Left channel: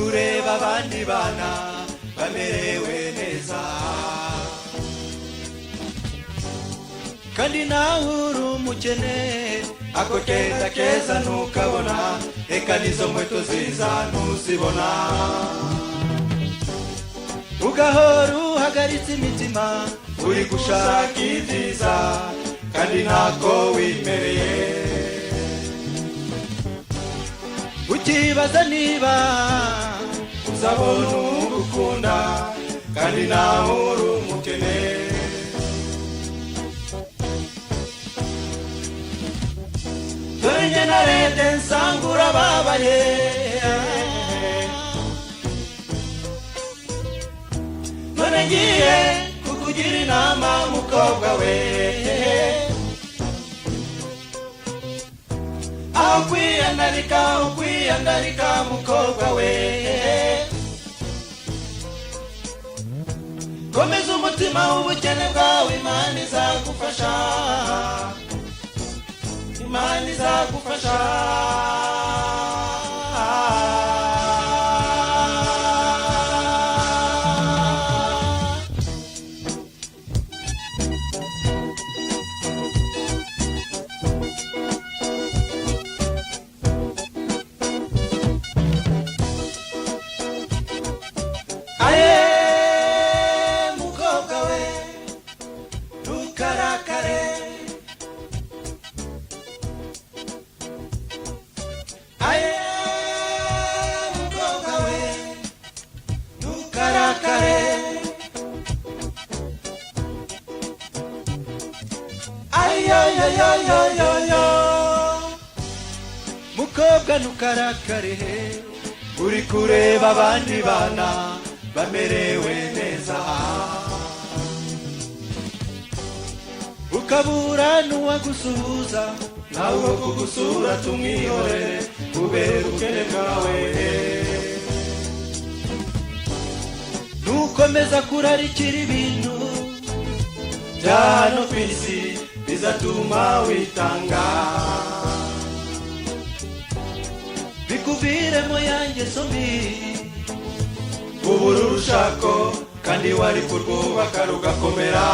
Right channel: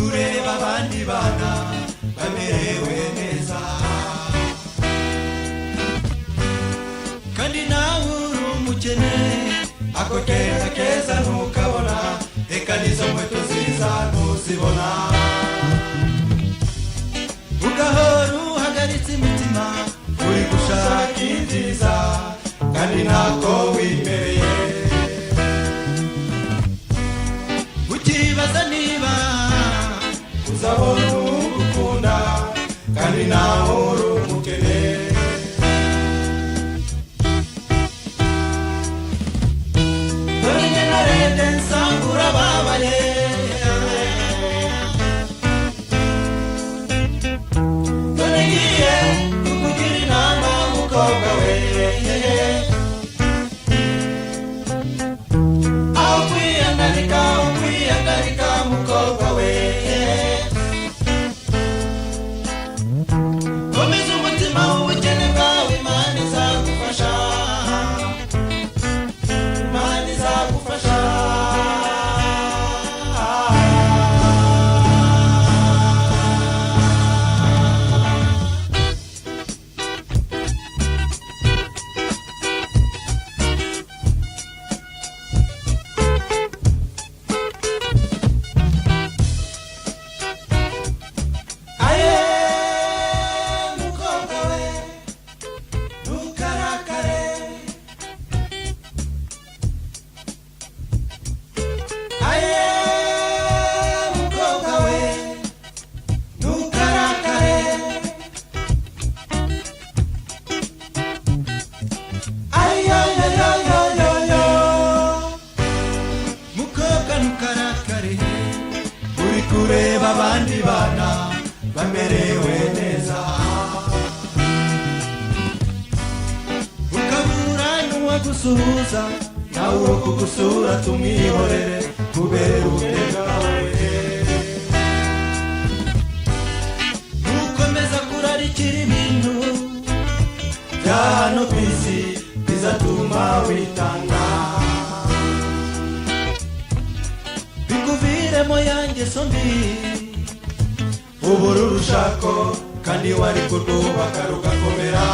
kureba abandi bana bamerewe neza kandi nawe uri umukene ako kenda keza ntukabona eka nizo nkweto ziza ntuzibona ugahora uhagaritse imitima uri gushaka ibyiza kandi ntako wimereye ukibaza niba uzabona ugukunda kandi nawe uri umukene dore njye narebye nsanga urababaye dore ngiye kukugira inama mukobwa we aho kwiyandarika mukobwa we komeza umutima w'ubukene bwawe Imana izagufasha Imana izagufasha uri kureba abandi bana bamerewe neza ukabura n'uwagusuhuza nawe kugusura tumwiyore kubera ubukene bwawe ntukomeza kurarikira ibintu bya hano ku isi bizatuma witanga urushako kandi wari kurubaka rugakomera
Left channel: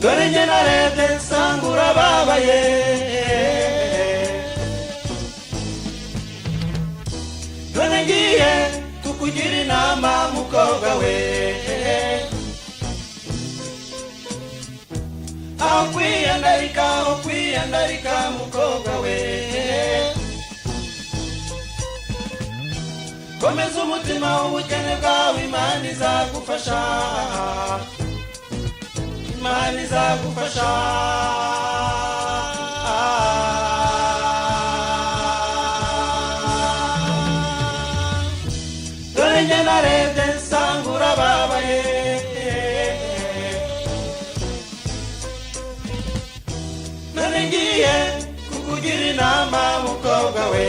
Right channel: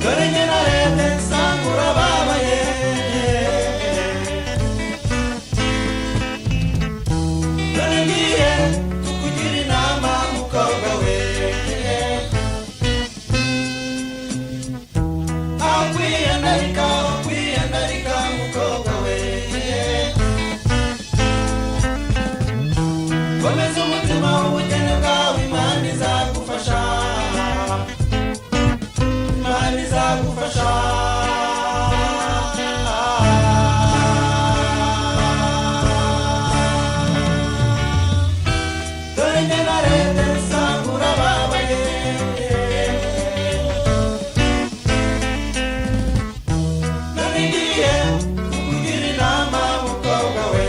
dore njye narebye nsanga urababaye dore ngiye kukugira inama mukobwa we aho kwiyandarika mukobwa we komeza umutima w'ubukene bwawe Imana izagufasha Imana izagufasha dore njye narebye nsanga urababaye none ngiye kukugira inama mukobwa we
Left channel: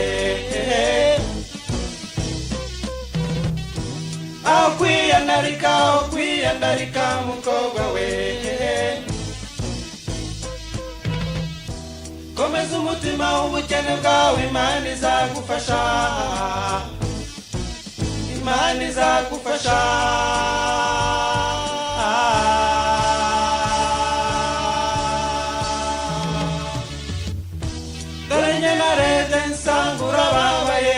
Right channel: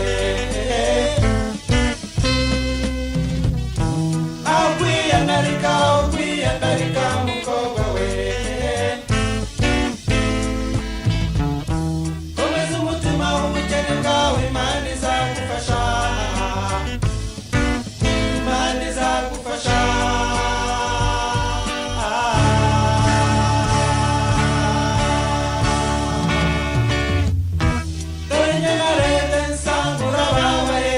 kwiyandarika mukobwa we komeza umutima w'ubukene bwawe Imana izagufasha Imana izagufasha dore njye narebye nsanga urababaye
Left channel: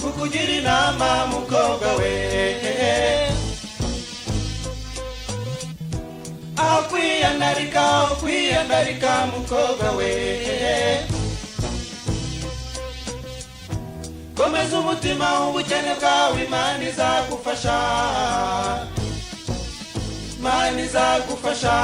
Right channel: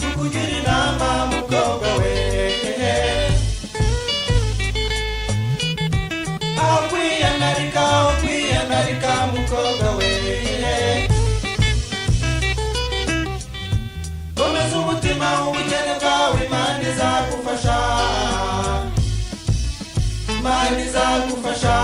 kukugira inama mukobwa we aho kwiyandarika mukobwa we komeza umutima w'ubukene bwawe Imana izagufasha Imana izagufasha